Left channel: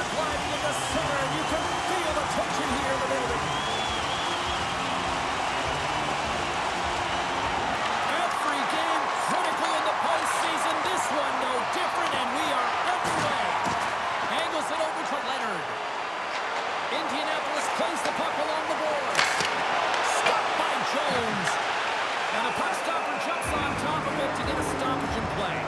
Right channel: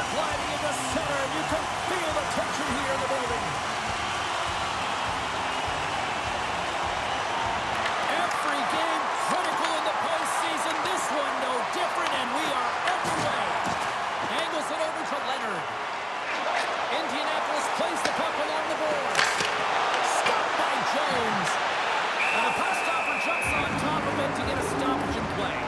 Trevor gliding into center, and you can feel the tension here in the building. Every game critical in the postseason. This one no different, and we are underway. Angles it over to Leaonrd. Indianapolis plays the puck along the boards. Stopped by Jones. And the puck stopper jumps on top of it to get a stoppage in play.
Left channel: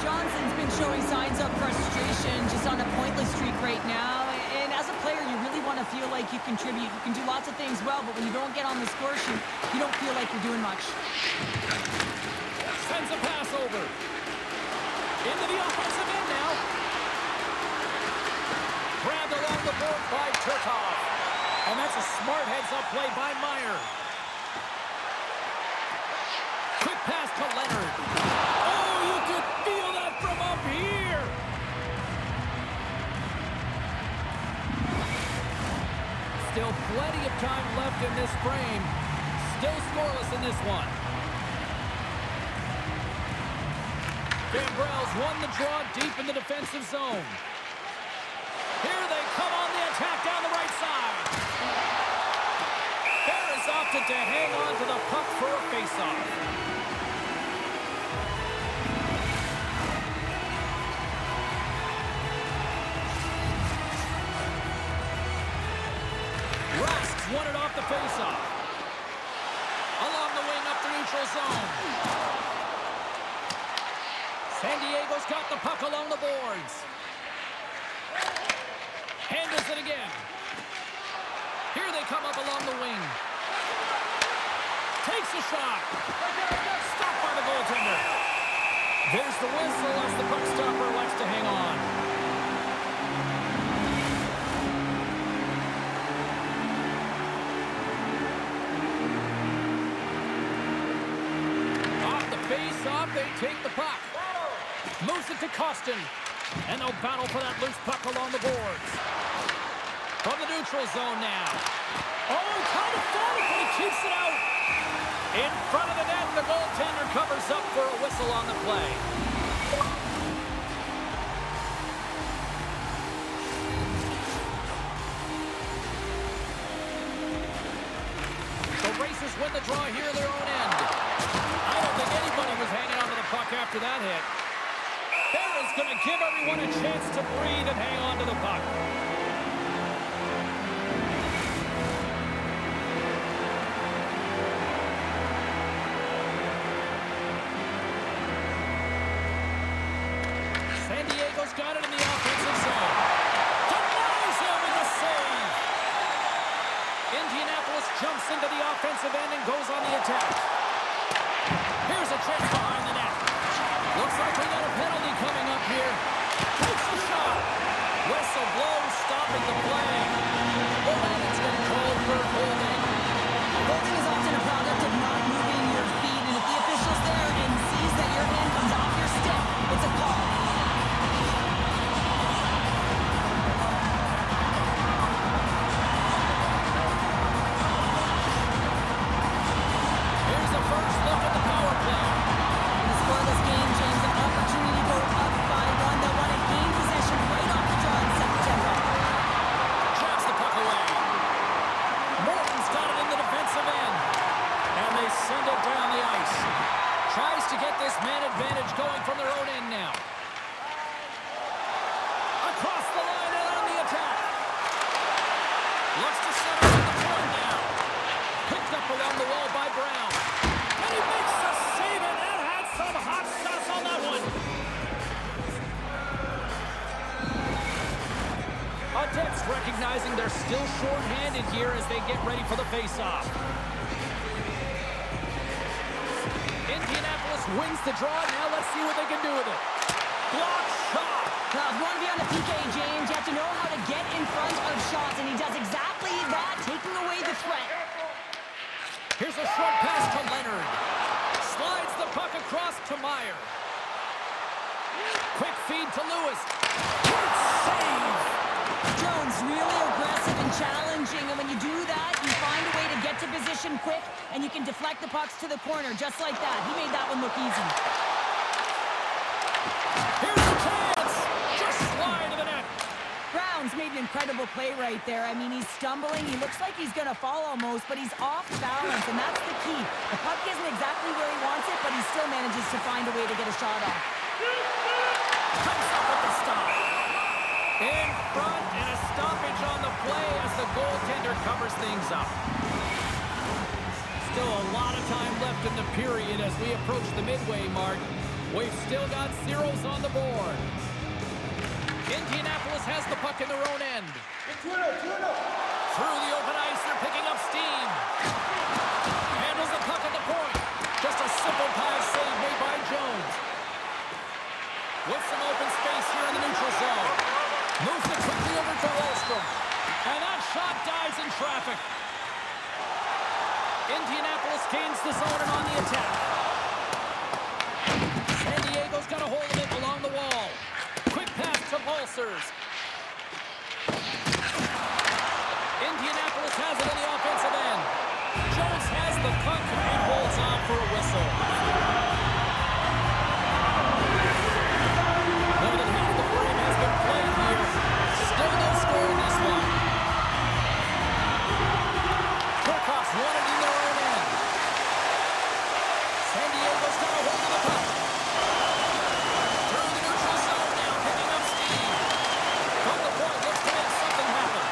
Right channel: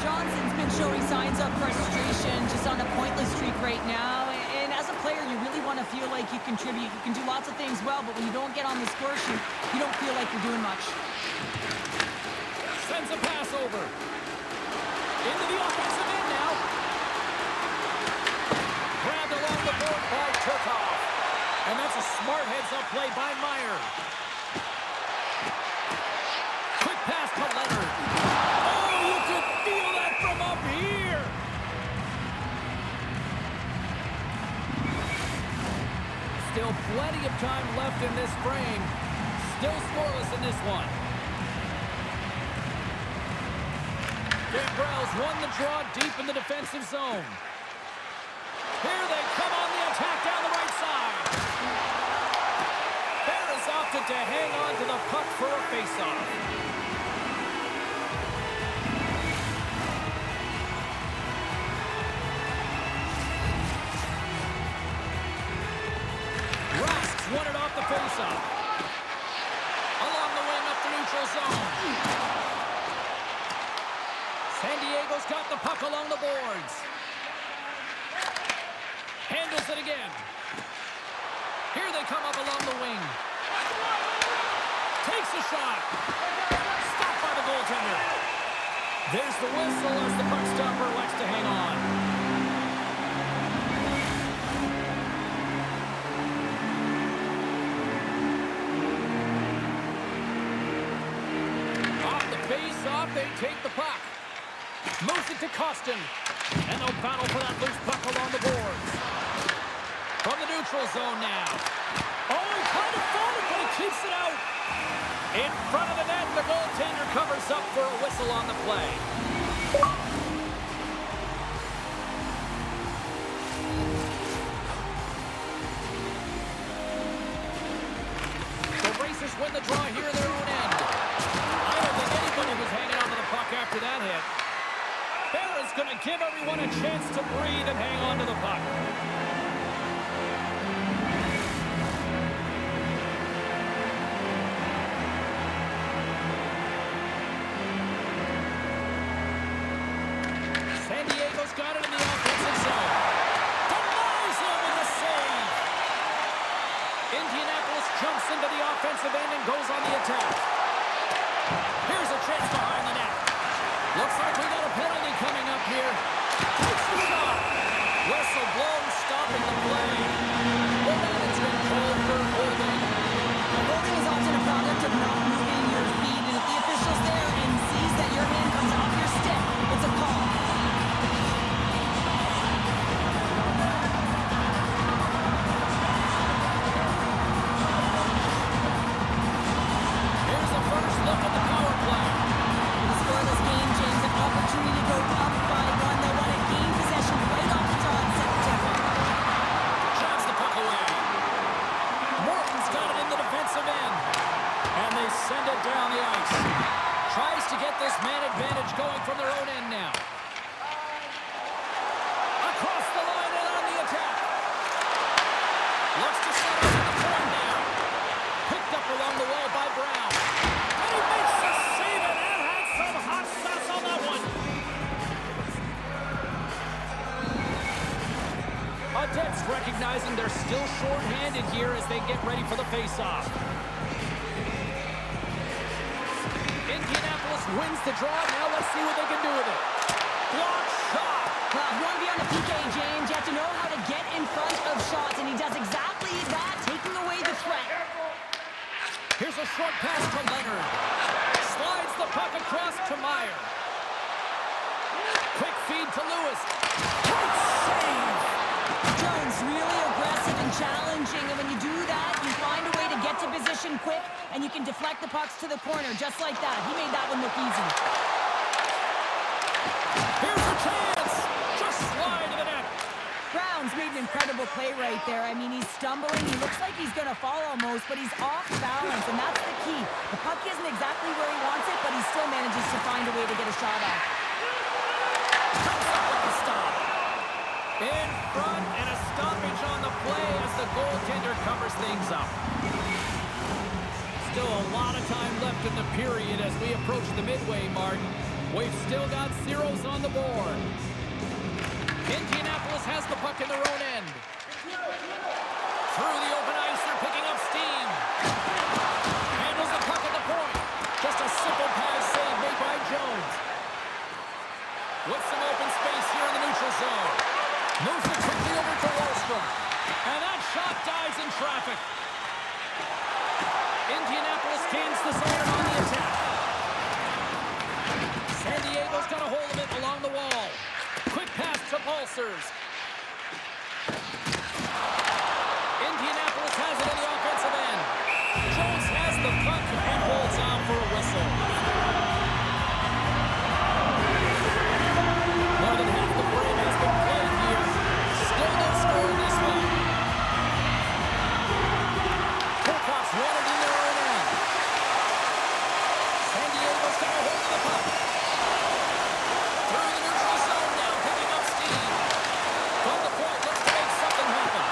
Johnston's been showing signs of frustration, just on a pointless streak right now. And as a player, you really want to feel like you contribute. You can do lots of things well, but when you don't get on the score sheet, you don't feel like you're doing much. Sends a pass over. Into the offensive end now. Grabbed along the board by Turkov. And that's a smart heads-up play by Maier. Quick pass to Leaonrd. Oh, you could feel that from up here. Still plenty of time left in this frame. Still scoreless in this one. Gambrell's won the draw deep in the defensive zone. Here they come on the attack down the right side. Harris opted to hang on to the puck for a faceoff. Rask's won it off the faceoff. Along the wing up the neutral zone. San Diego's got the puck along the boards. Handles it again. Here they come up along the wing. Takes a shot. Stopped by the goaltender. There's the whistle as the puck stopper elects to hang on. Off the face-off, they take the puck. Moves it to Koston. And they'll battle for that loose puck along the boards. From the neutral zone now. Oh, he kind of fought it, but he keeps it out. In front of the net, the goaltender covers up for a whistle on the play. The Racers win the draw here at their own end. I don't think anybody was hanging onto the puck after that hit. Barron's going to give everyone a chance to breathe and hang on to the puck. San Diego's got it in the offensive zone. Denies him in the save. Indianapolis jumps into the offensive end and goes on the attack. Here's a chance behind the net. Looks like we got a penalty coming up here. Takes a shot. Whistle blown, stopping the play. Well, then it's been called for holding. Holding is often a product of not moving your feet, and if the official's there and sees that your hand comes off your stick, it's a call. Here's the first look at the power play. With a scoreless game, James, an opportunity to go up by one. They'll want to gain possession right off the draw and set the tempo. Jabs the puck away. Morton's got it in the defensive end. And they send it down the ice. Tries to get this man advantage going from their own end now. Across the line and on the attack. Looks to set up at the point now. Picked up along the wall by Brown. And he makes the save, and that had some hot sauce on that one. Odette's recognizing they're still short-handed here as they get ready for the face-off. Indianapolis wins the draw. Now let's see what they can do with it. Block shot. Well, if you want to be on the PK, James, you have to know how to get in front of shots, and he does exactly that, taking away the threat. Here's a short pass to Leaonrd. Slides the puck across to Meyer. Quick feed to Lewis. Great save. Jones really aggressive and challenging, and when you do that, you find a way to get to position quick, and you can deflect the pucks to the corner just like that. He made that one look easy. Here's a chance. Just slide to the net. Brown's made an incredible play right there. I mean, he's stumbling. He looks like he's going to fall almost, but he's off balance, and that's the key. The puck isn't exactly where he wants it, but he still manages to find a way to get a shot off. Comes up with the stop. In front, and a stoppage on the play as the goaltender covers things up. Still a lot of time left in the period as we approach the midway mark. We've still got zeros on the board. Indianapolis has the puck in their own end. Through the open ice, they're picking up steam. Handles the puck at the point. Just a simple pass save made by Jones. With some open space here in the neutral zone. Moves it quickly over to Wallstrom. And that shot dies in traffic. Indianapolis gains the zone and on the attack. San Diego's got a hold of it along the wall. Quick pass to Pulsers. Indianapolis has it in the offensive end. Jones has the puck and holds on for a whistle. More than half the frame has been played here. Still no score in this one. Kirkhoff's won it in their own end. San Diego's got a hold of the puck. Through the neutral zone now, picking up steam. From the point, looks to make something happen.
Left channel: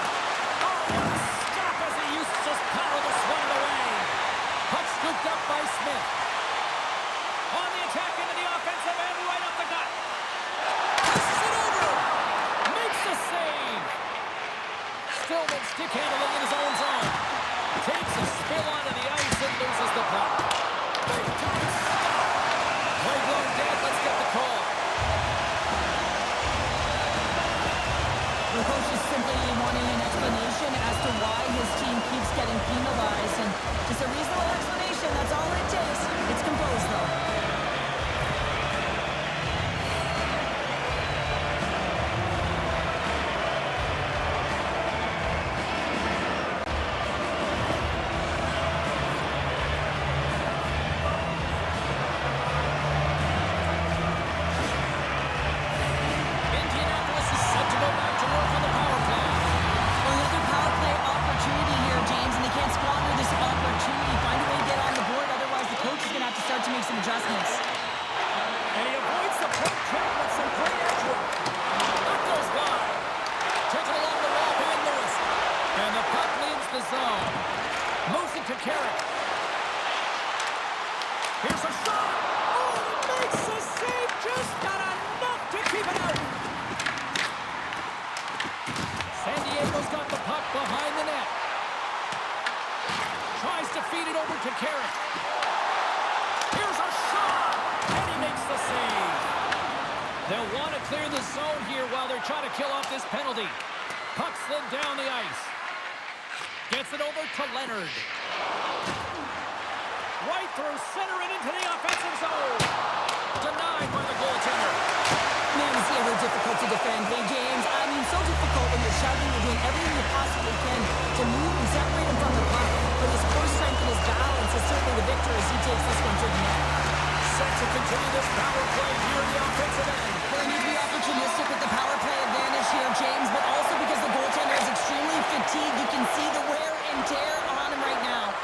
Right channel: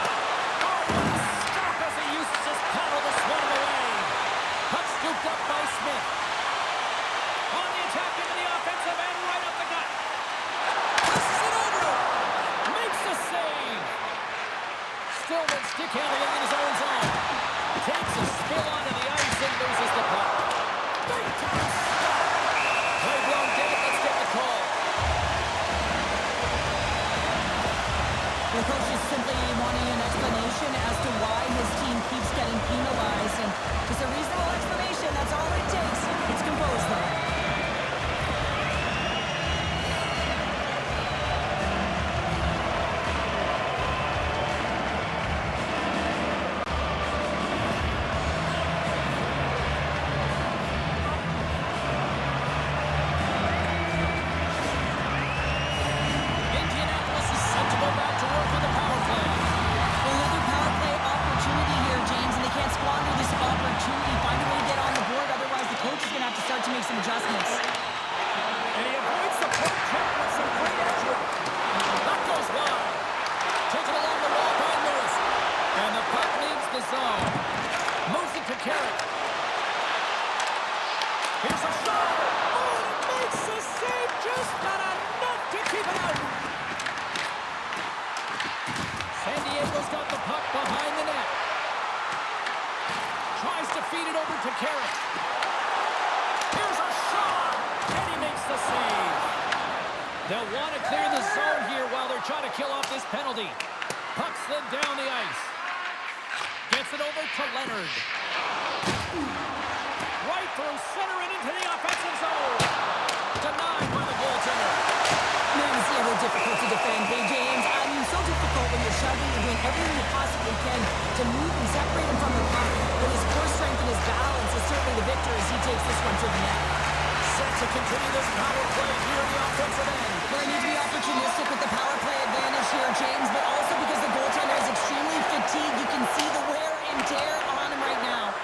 Oh, what a stop as he uses his paddle to swat it away. Puck scooped up by Smith. On the attack into the offensive end, right up the gut. Passes it over. Makes the save. Stillman stick handling in his own zone. Takes a spill onto the ice and loses the puck. Big time stop. Play blown dead. Let's get the call. The coach is simply wanting an explanation as to why his team keeps getting penalized. And just a reasonable explanation, that's all it takes. It's composed, though. Kirk. Here's a shot. Oh, and it makes the save. Just not enough to keep it out. San Diego's got the puck behind the net. Tries to feed it over to Kirk. Here's a shot. And he makes the save. They'll want to clear the zone here while they're trying to kill off this penalty. Puck slid down the ice. Gets it over to Leaonrd. Right through center and into the offensive zone. Denied by the goaltender. Man, is he ever difficult to defend. Hey, James, I mean, so difficult when you're shouting, you're doing everything you possibly can to move and separate him from the puck. But his core strength and his balance is certainly the victor as he takes this one to the net. Set to continue this power play here in the offensive end. Well, they need to be opportunistic with the power play advantage here, James, but also because the goaltender is extremely fatigued. You can see the wear and tear on him right now.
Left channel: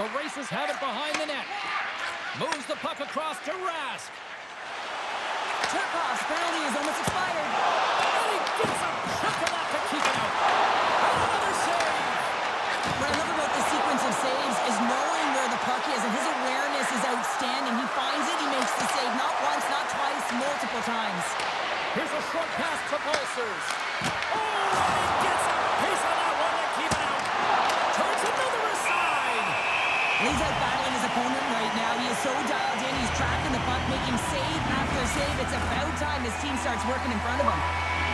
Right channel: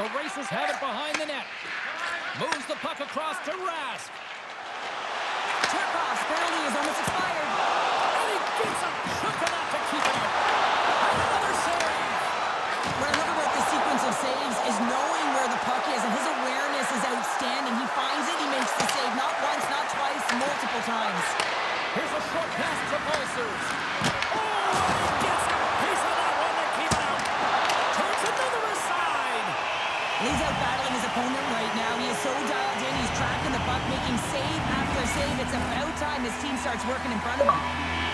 The Racers have it behind the net. Moves the puck across to Rask. Turkoff's penalty is almost expired. And he gets a chunk of that to keep it out. And another save. What I love about this sequence of saves is knowing where the puck is, and his awareness is outstanding. He finds it, he makes the save, not once, not twice, multiple times. Here's a short pass to Pulsers. Oh, and he gets a piece of that one to keep it out. Turns another aside. He's out battling his opponent right now. He is so dialed in. He's tracking the puck, making save after save. It's about time his team starts working in front of him.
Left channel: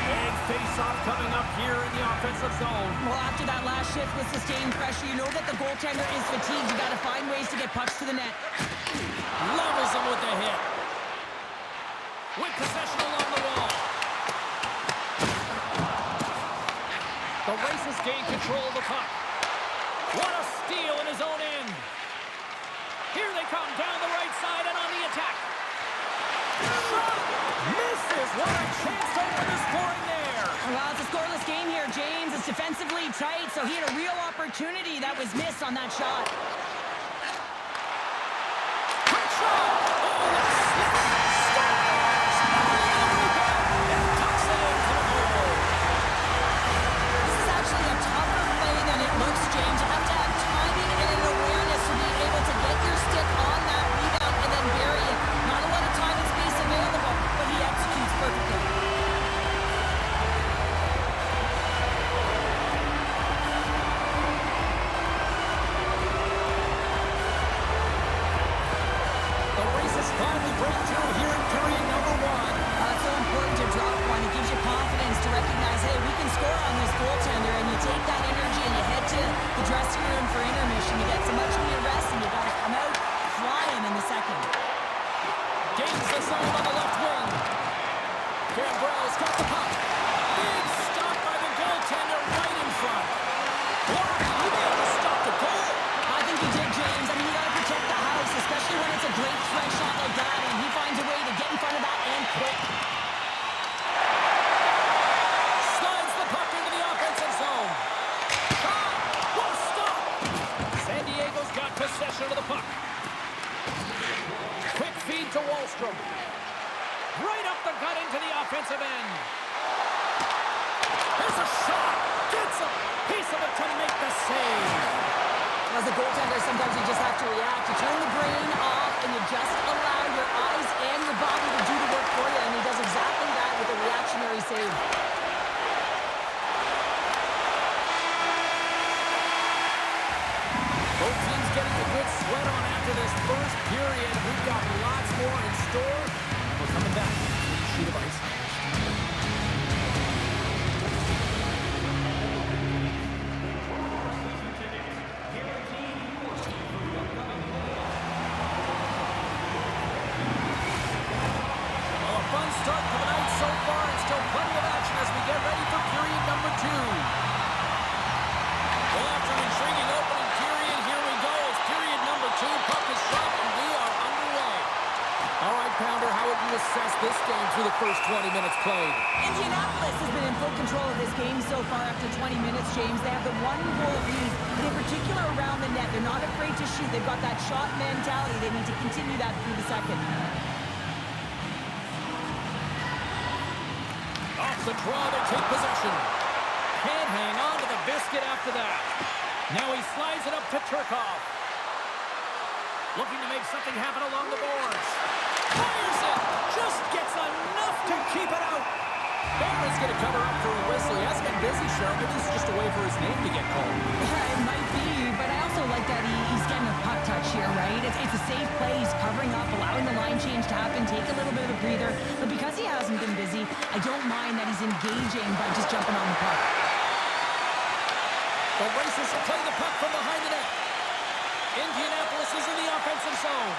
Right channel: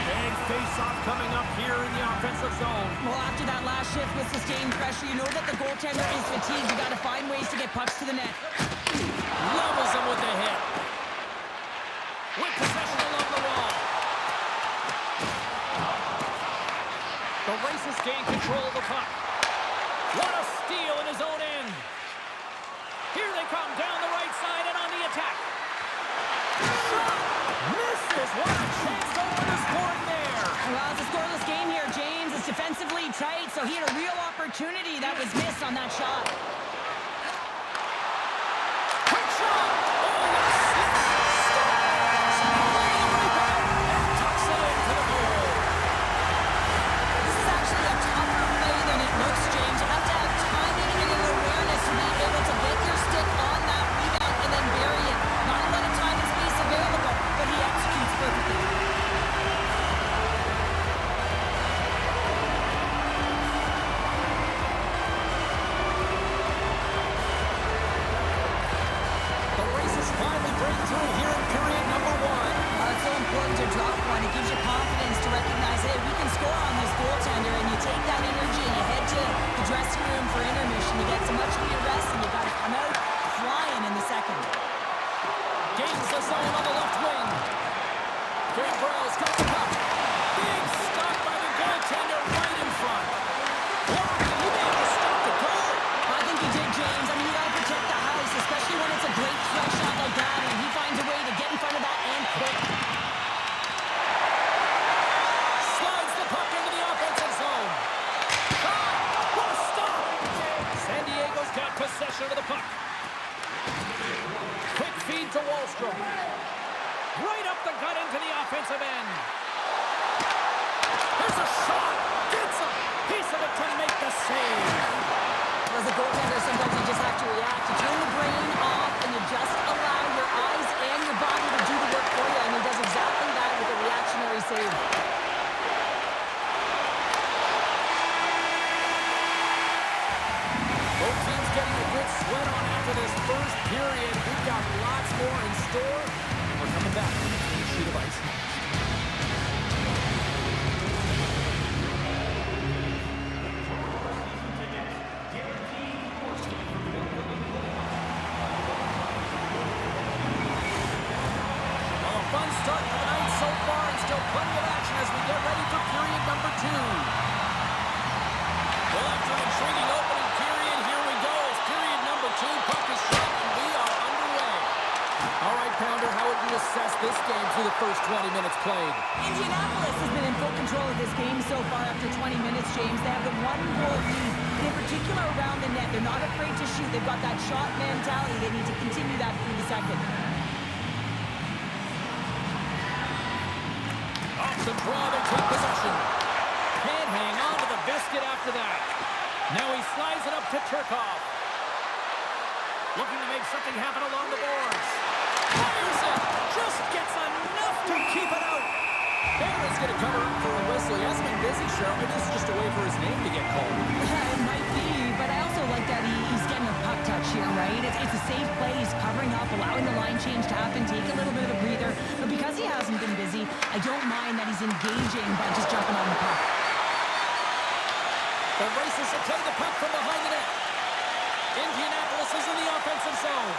Big face-off coming up here in the offensive zone. Well, after that last shift with sustained pressure, you know that the goaltender is fatigued. You got to find ways to get pucks to the net. Levels him with the hit. With possession along the wall. The Racers gain control of the puck. What a steal in his own end. Here they come down the right side and on the attack. Shot! Misses! What a chance to open the scoring there. A Well, it's a scoreless game here, James. It's defensively tight, so he had a real opportunity that was missed on that shot. Quick shot! Oh, what a slip! Scores! Oh, the rebound! And tucks it into the goal. This is actually a tougher play than it looks, James. You have to have timing and an awareness to be able to get your stick on that rebound and then bury it. Not a lot of time and space available, but he executes perfectly. Finally break through here in period number 1. It's so important to drop one. It gives you confidence to recognize, hey, we can score on this goaltender, and you take that energy and you head to the dressing room for intermission. You get some much needed rest, and you got to come out flying in the second. Gains the zone on the left wing. Gambrell's got the puck. Big stop by the goaltender right in front. Blocked. He may have to stop the goal. I think he did, James. I mean, you got to protect the house, especially when it's a great threat shot like that, and he finds a way to get in front of that and quick. Slides the puck into the offensive zone. Shot! What a stop! San Diego's got possession of the puck. Quick feed to Wahlstrom. Right up the gut into the offensive end. Here's a shot! Gets a piece of it to make the save. As a goaltender, sometimes you just have to react. You turn the brain off, and you just allow your eyes and your body to do the work for you, and he does exactly that with a reactionary save. Both teams getting a good sweat on after this first period. We've got lots more in store, and we're coming back with a clean sheet of ice next. Fun start to the night so far, and still plenty of action as we get ready for period number 2. Well, after an intriguing opening period, here we go as period number 2. Puck is dropped, and we are underway. All right, Pounder, how would you assess this game through the first 20 minutes played? Indianapolis has been in full control of this game so far after 20 minutes, James. They have the 1-goal lead, and in particular around the net. They're not afraid to shoot. They've got that shot mentality. They need to continue that through the second. Off the draw, they take possession. Can't hang on to the biscuit after that. Now he slides it up to Turkov. Looking to make something happen along the boards. Fires it! Just gets enough to keep it out. Barron's going to cover up for a whistle. He hasn't been busy, Cheryl. Maybe this is just a way for his name to get called. It might be, but I also like that he's getting a puck touch here, right? It's a safe play. He's covering up, allowing the line change to happen, take a little bit of a breather. But because he hasn't been busy, I don't mind that he's engaging by just jumping on the puck. The Racers will play the puck from behind the net. Indianapolis is in the offensive zone.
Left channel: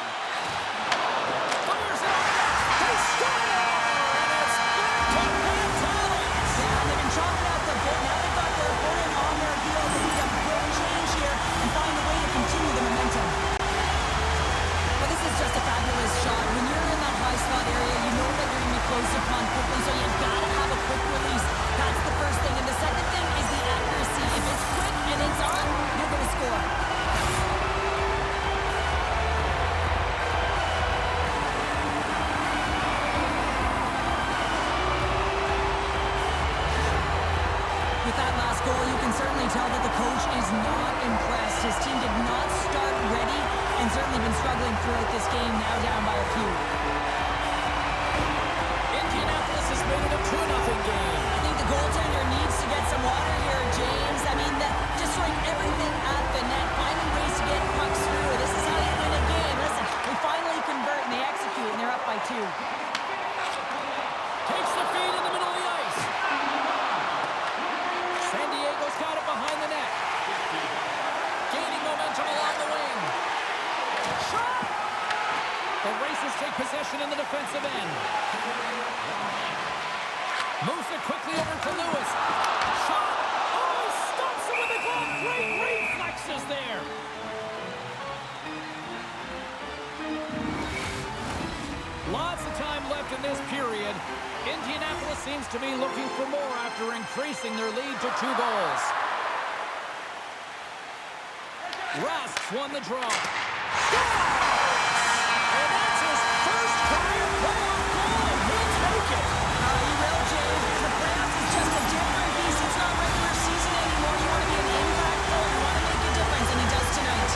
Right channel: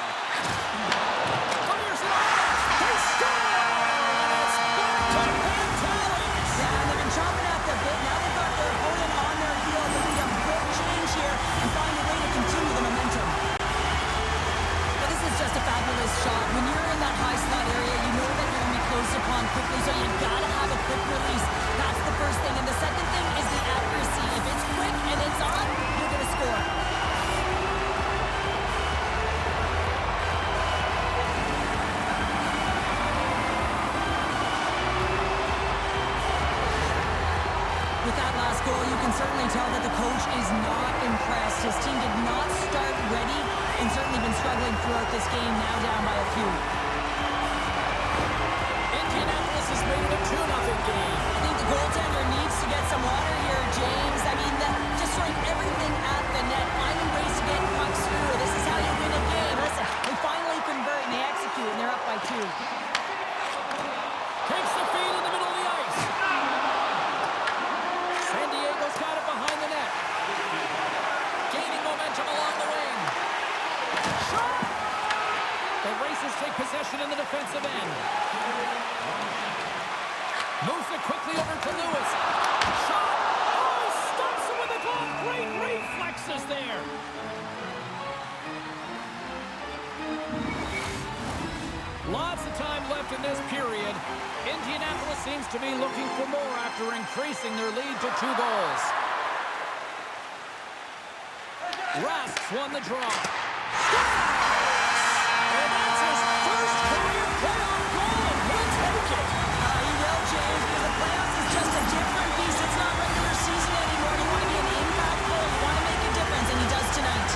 Fires it on net. They score! And it's back to Pantelis. Yeah, and they've been chomping at the bit. Now they've got their opponent on their heels. They need a quick change here and find a way to continue the momentum. Well, this is just a fabulous shot. When you're in that high slot area, you know that you're going to be close upon quickly, so you got to have a quick release. That's the first thing. And the second thing is the accuracy. If it's quick and it's on, you're going to score. With that last goal, you can certainly tell that the coach is not impressed. His team did not start ready and certainly been struggling throughout this game, now down by a few. Indianapolis has made it a 2-0 game. I think the goaltender needs to get some water here, James. I mean, just throwing everything at the net, finding ways to get pucks through. This is how you win a game. Listen, they finally convert and they execute, and they're up by 2. Takes the feed in the middle of the ice. San Diego's got it behind the net. Gaining momentum along the wing. Shot! The Racers take possession in the defensive end. Moves it quickly over to Lewis. Shot! Oh, stops it with a glove. Great reflexes there. Lots of time left in this period. Indianapolis seems to be looking for more after increasing their lead to 2 goals. Rask won the draw. Scores! And that's his first career playoff goal, and he'll take it. He will, James, because the playoffs is just a different beast. It's not regular season anymore. You want to be an impact player. You want to make a difference, and he does tonight.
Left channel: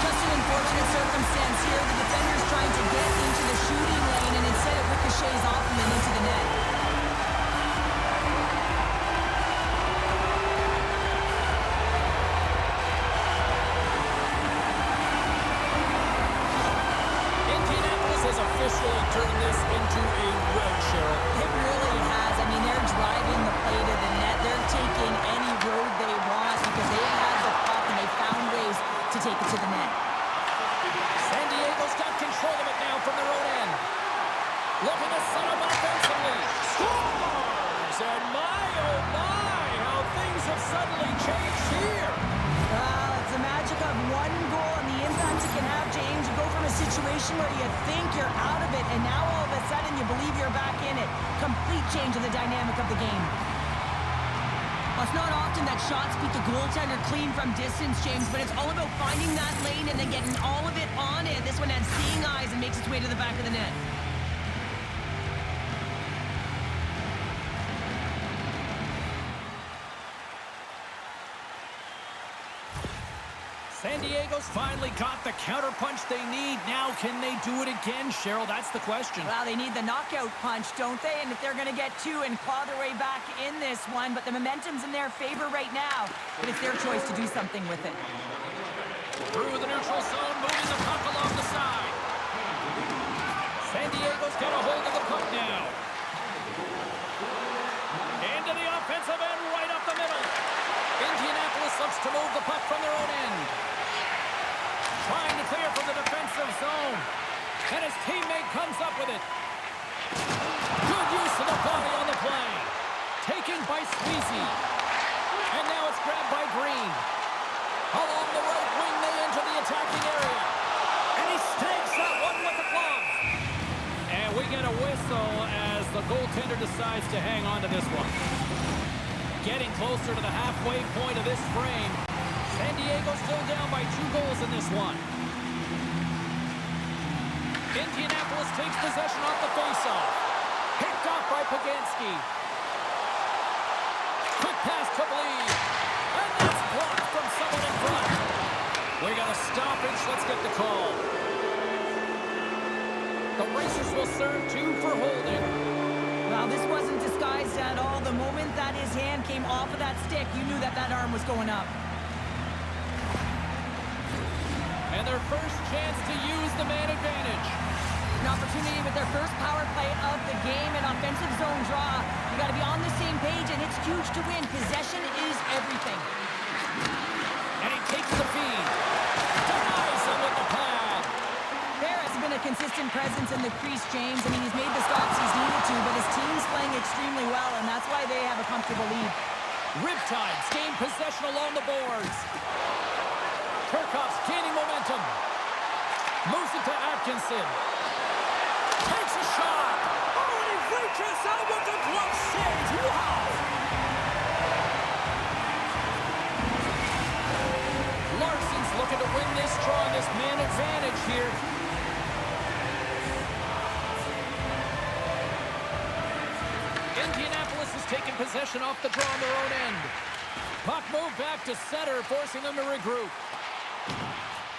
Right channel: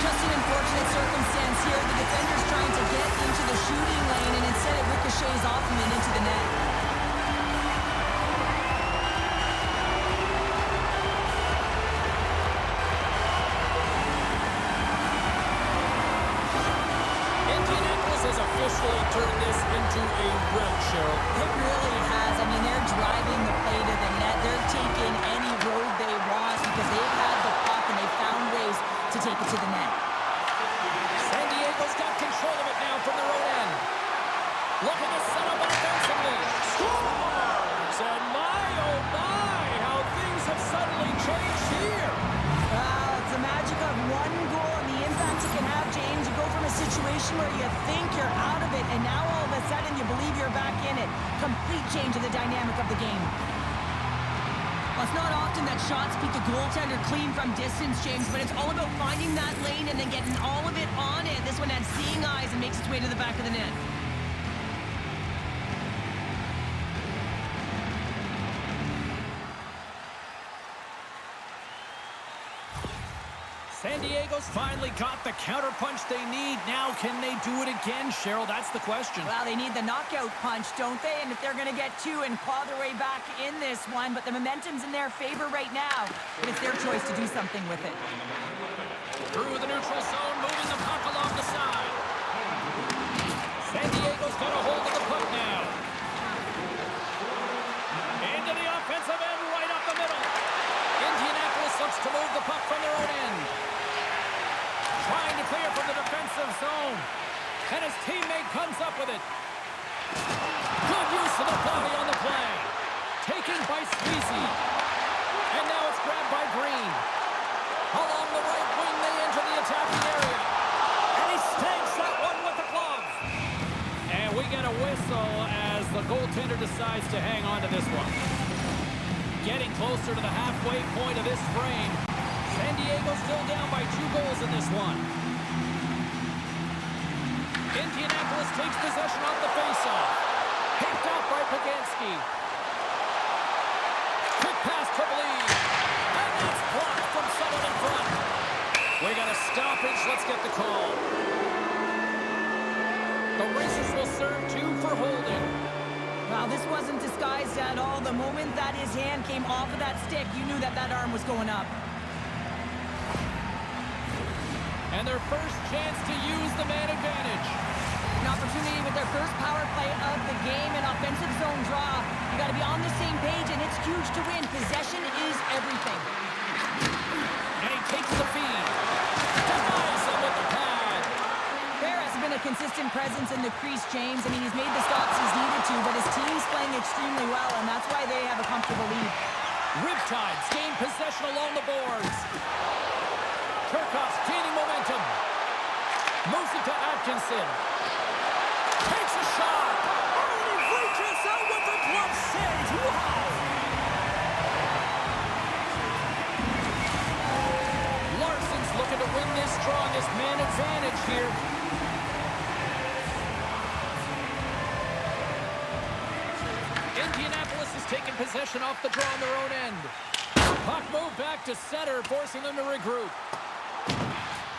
Just an unfortunate circumstance here. The defender's trying to get into the shooting lane, and instead it ricochets off him and into the net. Indianapolis has officially turned this into a rout, Cheryl. It really has. I mean, they're driving the play to the net. They're taking any road they want because they've had the puck and they've found ways to take it to the net. San Diego's got control of it now from their own end. Looking to set up offensively. Scores! And my, oh my, how things have suddenly changed here. Well, it's the magic of one goal and the impact it can have, James. You go from a situation where you think you're out of it, and now all of a sudden you believe you're back in it. Complete change of the dynamic of the game. Well, it's not often that shots beat the goaltender clean from distance, James, but it's all about finding that lane and then getting all of it on it. This one had seeing eyes and makes its way to the back of the net. San Diego's finally got the counterpunch they need. Now, can they do it again, Cheryl? That's the question. Well, they need the knockout punch, don't they? And if they're going to get 2 and claw their way back in this one, but the momentum's in their favor right now. But it's their choice to do something with it. Through the neutral zone, moving the puck along the side. San Diego's got a hold of the puck now. Into the offensive end, right up the middle. Indianapolis looks to move the puck from their own end. Trying to clear from the defensive zone. And his teammate comes up with it. Good use of the body on the play. Taken by Sweezy. And now it's grabbed by Green. Along the right wing, they enter the attacking area. And he snags that one with the glove. And we get a whistle as the goaltender decides to hang on to this one. Getting closer to the halfway point of this frame. San Diego still down by 2 goals in this one. Indianapolis takes possession off the faceoff. Picked off by Paganski. Quick pass to Bleed. And that's blocked from someone in front. We got a stoppage. Let's get the call. The Racers will serve 2 for holding. Well, this wasn't disguised at all. The moment that his hand came off of that stick, you knew that that arm was going up. And their first chance to use the man advantage. An opportunity with their first power play of the game, an offensive zone draw. You got to be on the same page, and it's huge to win. Possession is everything. And he takes the feed. Denies him with the pad. There has been a consistent presence in the crease, James. I mean, he's made the stops he's needed to, but his team's playing extremely well, and that's why they have a comfortable lead. Riptide's gained possession along the boards. Kirk's gaining momentum. Moves it to Atkinson. Takes a shot. Oh, and he reaches out with the glove save. Wow! Larson's looking to win this draw on this man advantage here. Indianapolis has taken possession off the draw on their own end. Puck moved back to center, forcing them to regroup.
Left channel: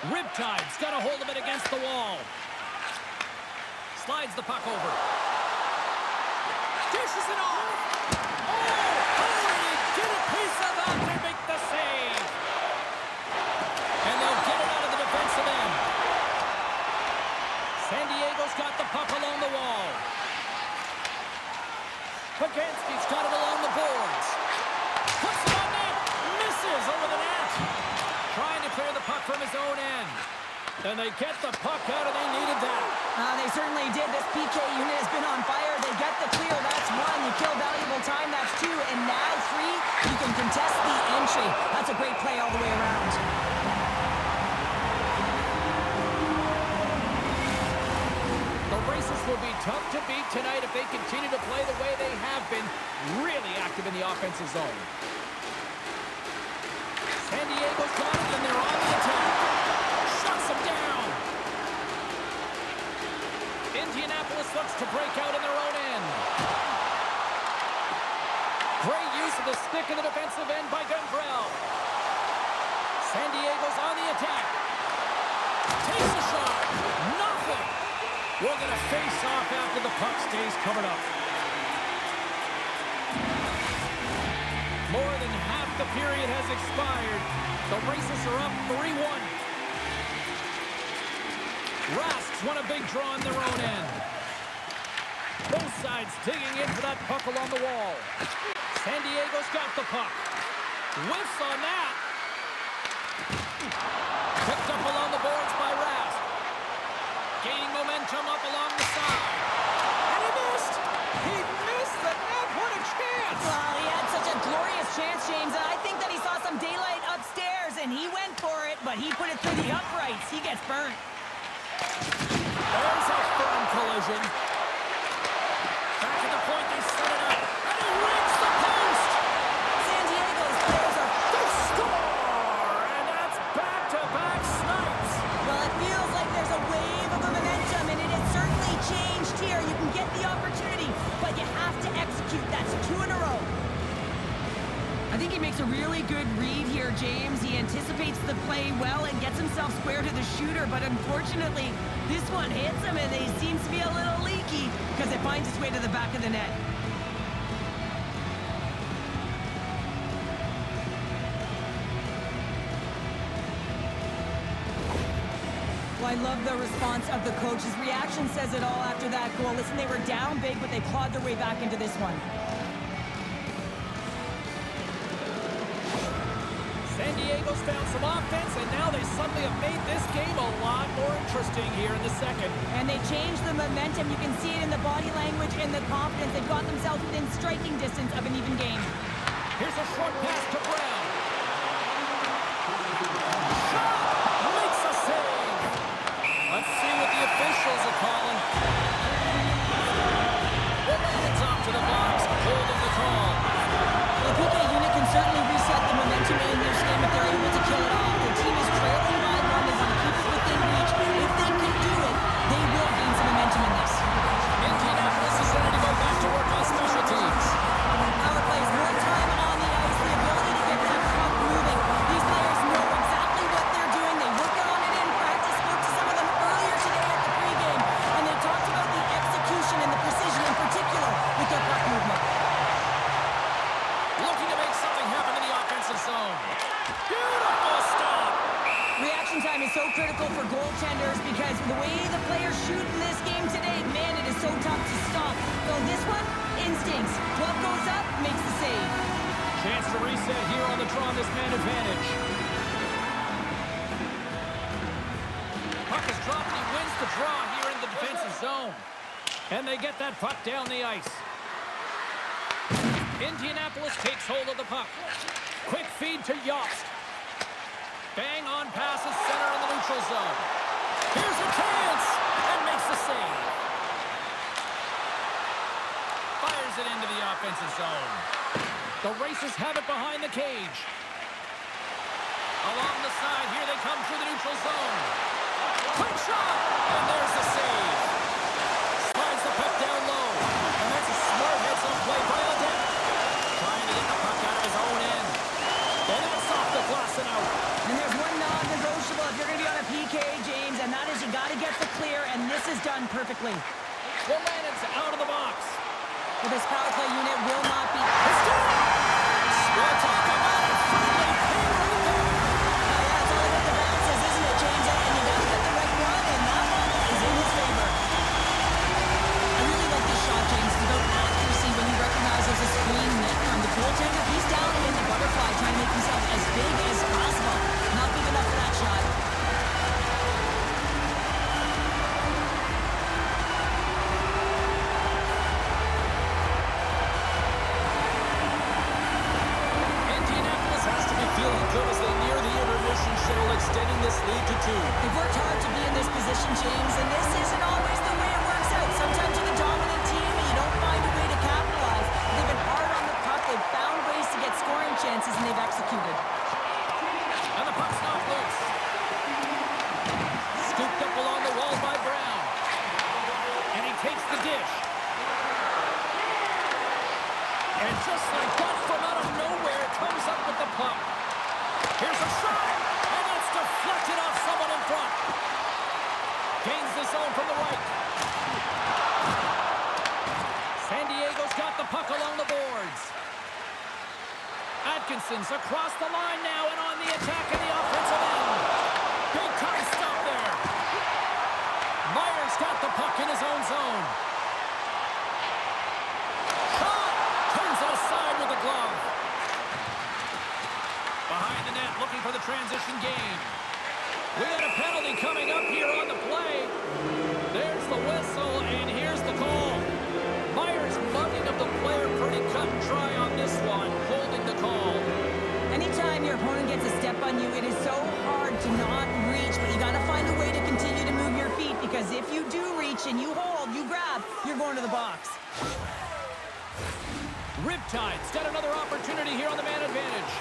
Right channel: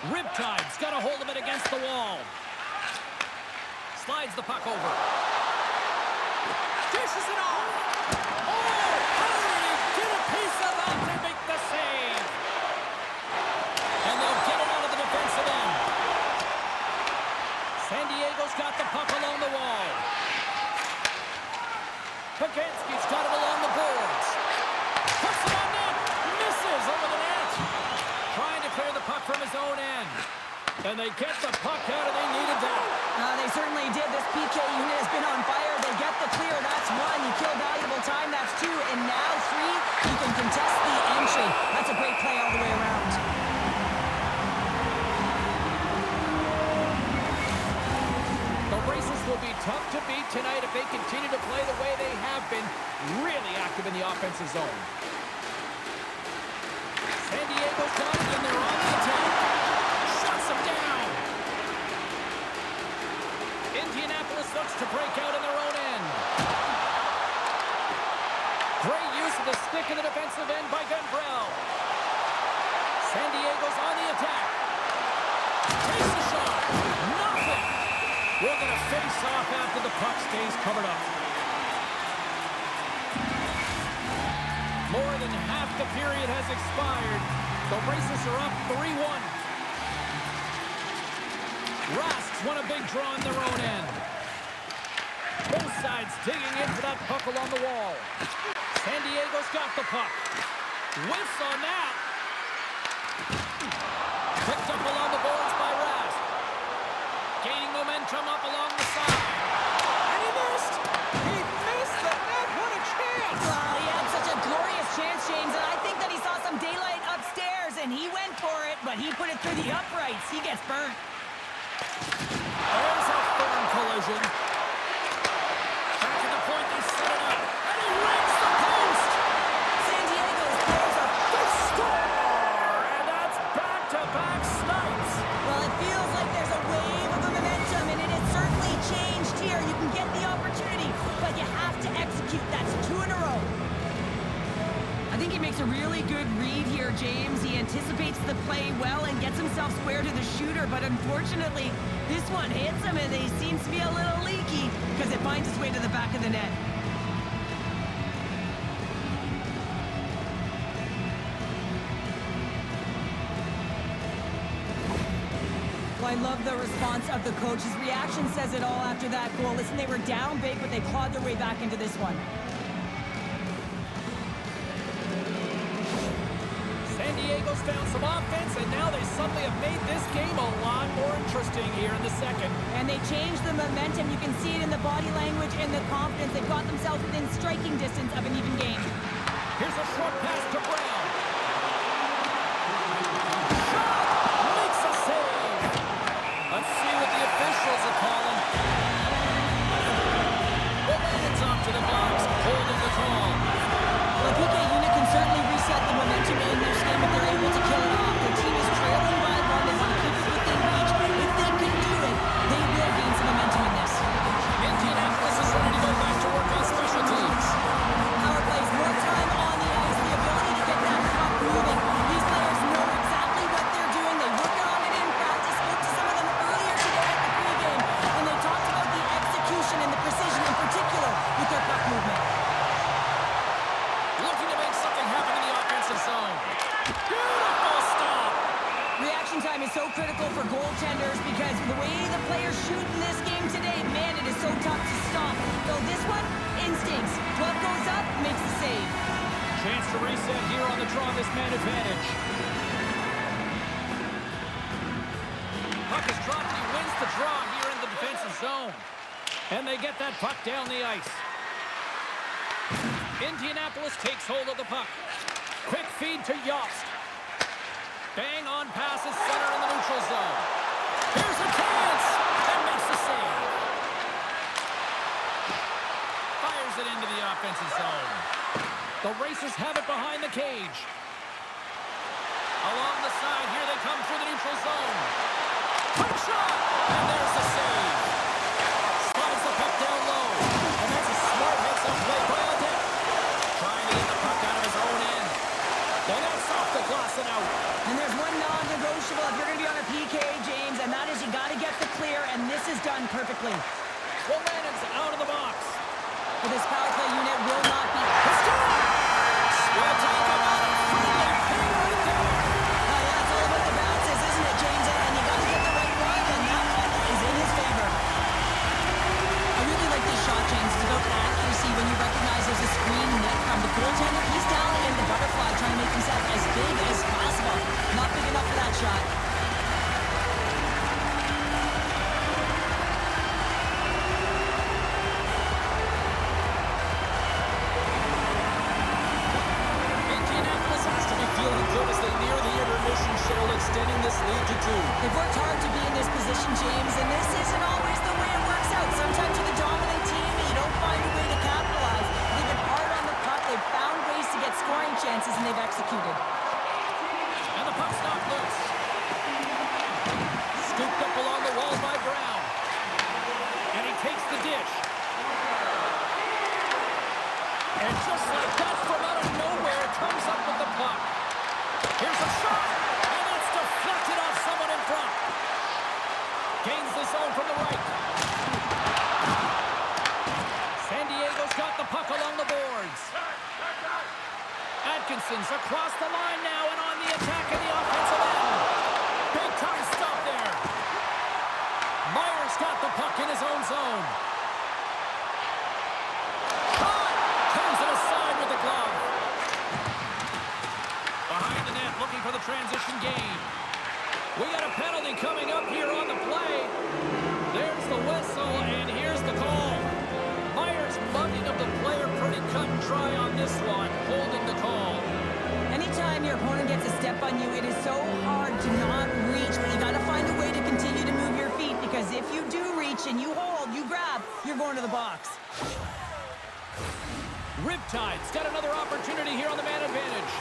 Riptide's got a hold of it against the wall. Slides the puck over. Dishes it off. Oh, how did he get a piece of that to make the save? And they'll get it out of the defensive end. San Diego's got the puck along the wall. Paganski's got it along the boards. Puts it on net. Misses over the net. Trying to clear the puck from his own end. And they get the puck out, and they needed that. They certainly did. This PK unit has been on fire. They get the clear. That's 1. You kill valuable time. That's 2. And now 3. You can contest the entry. That's a great play all the way around. Racers will be tough to beat tonight if they continue to play the way they have been, really active in the offensive zone. San Diego's got it, and they're on the attack. Shuts them down. Indianapolis looks to break out in their own end. Great use of the stick in the defensive end by Gemel. San Diego's on the attack. Takes the shot. Nothing. We're going to face off after the puck stays covered up. More than half the period has expired. The Racers are up 3-1. Rask's won a big draw in their own end. Both sides digging in for that puck along the wall. San Diego's got the puck. Whiffs on that. Picked up along the boards by Rask. Gaining momentum up along the side. And he missed! He missed the net! What a chance! Well, he had such a glorious chance, James, and I think that he saw some daylight upstairs, and he went for it, but he put it through the uprights. He gets burnt. There's a firm collision. Back to the point, they set it up. And he rings the post! San Diego's players are... They score! And that's back-to-back snipes. Well, it feels like there's a wave of momentum, and it has certainly changed here. You can get the opportunity, but you have to execute. That's 2 in a row. I think he makes a really good read here, James. He anticipates the play well and gets himself square to the shooter, but unfortunately, this one hits him, and he seems to be a little leaky because it finds its way to the back of the net. Well, I love the response of the coach. His reaction says it all after that goal. Listen, they were down big, but they clawed their way back into this one. San Diego's found some offense, and now they suddenly have made this game a lot more interesting here in the second. And they changed the momentum. You can see it in the body language and the confidence. They've got themselves within striking distance of an even game. Here's a short pass to Brown. Shot! Makes a save! Let's see what the officials are calling. It's off to the box, holding the call. The PK unit can certainly reset the momentum in this game if they're able to kill it off. Their team is trailing by 1. They want to keep it within reach. If they can do it, they will gain some momentum in this. Indianapolis is ready to go back to work on special teams. Power plays, more time on the ice, the ability to get that puck moving. These players know exactly what they're doing. They work on it in practice. Spoke to some of them earlier today at the pregame, and they talked about the execution and the precision in particular with their puck movement. Looking to make something happen in the offensive zone. Beautiful stop! Reaction time is so critical for goaltenders because the way the players shoot in this game today, man, it is so tough to stop. So this one, instincts. Glove goes up, makes the save. Chance to reset here on the draw, this man advantage. Puck is dropped and he wins the draw here in the defensive zone. And they get that puck down the ice. Indianapolis takes hold of the puck. Quick feed to Jobst. Bang on passes center in the neutral zone. Here's a chance and makes the save. Fires it into the offensive zone. The Racers have it behind the cage. Along the side, here they come through the neutral zone. Quick shot, and there's the save. Slides the puck down low, and that's a smart heads-up play by Albuquerque. Trying to get the puck out of his own end. And that's off the glass and out. And there's one non-negotiable if you're going to be on a PK, James, and that is you got to get the clear, and this is done perfectly. Willanen's out of the box. Well, this power play unit will not be... Well, talk about a friendly ping right there. Yeah, it's all about the bounces, isn't it, James? And you got to get the right one, and that one is in his favor. I really like this shot, James. It's about accuracy when you recognize there's a screen net from the goaltender. He's down in the butterfly trying to make himself as big as possible. Not big enough for that shot. Indianapolis has to be feeling good as they near the intermission, Cheryl, extending this lead to 2. They've worked hard to be in this position, James, and this isn't always the way it works out. Sometimes you're the dominant team and you don't find a way to capitalize. They've been hard on the puck, they've found ways to get scoring chances, and they've executed. And the puck's knocked loose. Scooped up along the wall by Brown. And he takes the dish. And just like that, from out of nowhere, comes up with the puck. Here's a shot, and that's deflected off someone in front. Gains the zone from the right. San Diego's got the puck along the boards. Atkinson's across the line now and on the attack in the offensive end. Big time stop there. Meier's got the puck in his own zone. Shot! Turns it aside with the glove. Behind the net, looking for the transition game. We got a penalty coming up here on the play. There's the whistle, and here's the call. Meier's mugging of the player pretty cut and dry on this one, holding the call. Anytime your opponent gets a step on you, it is so hard to not reach, but you got to find a way to continue to move your feet, because if you do reach and you hold, you grab, you're going to the box. Riptide's got another opportunity here on the man advantage.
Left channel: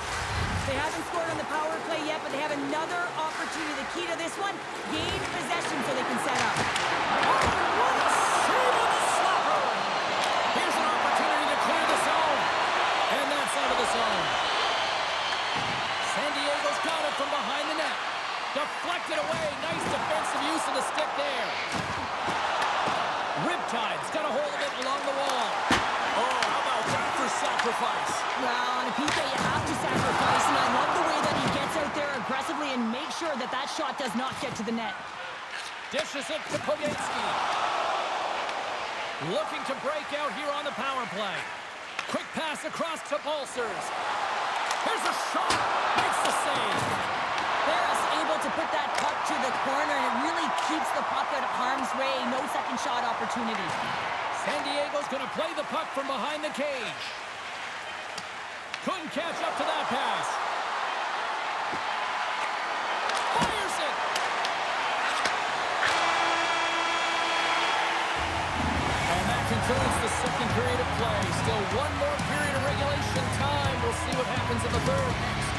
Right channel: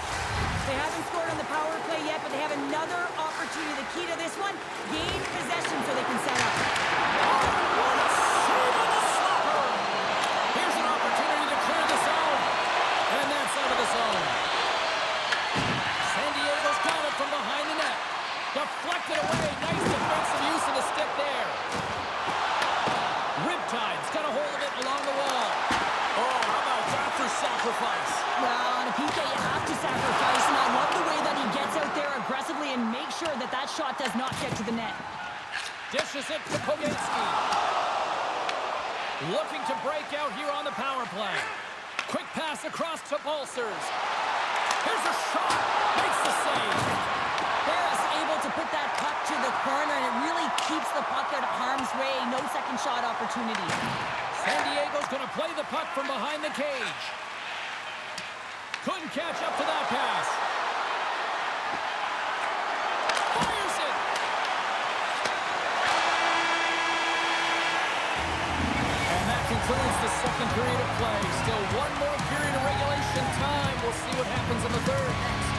They haven't scored on the power play yet, but they have another opportunity. The key to this one, gain possession so they can set up. Oh, what a save on the slapper! Here's an opportunity to clear the zone. And that's out of the zone. San Diego's got it from behind the net. Deflected away. Nice defensive use of the stick there. Riptide's got a hold of it along the wall. Oh, how about that for sacrifice? Well, on a PK, you have to sacrifice, and I love the way that he gets out there aggressively and makes sure that that shot does not get to the net. Dishes it to Pogansky. Looking to break out here on the power play. Quick pass across to Balsers. Here's a shot. Makes the save. Barris able to put that puck to the corner, and it really keeps the puck out of harm's way. No second shot opportunity. San Diego's going to play the puck from behind the cage. Couldn't catch up to that pass. Fires it. And that concludes the second period of play. Still one more period of regulation time. We'll see what happens in the third next.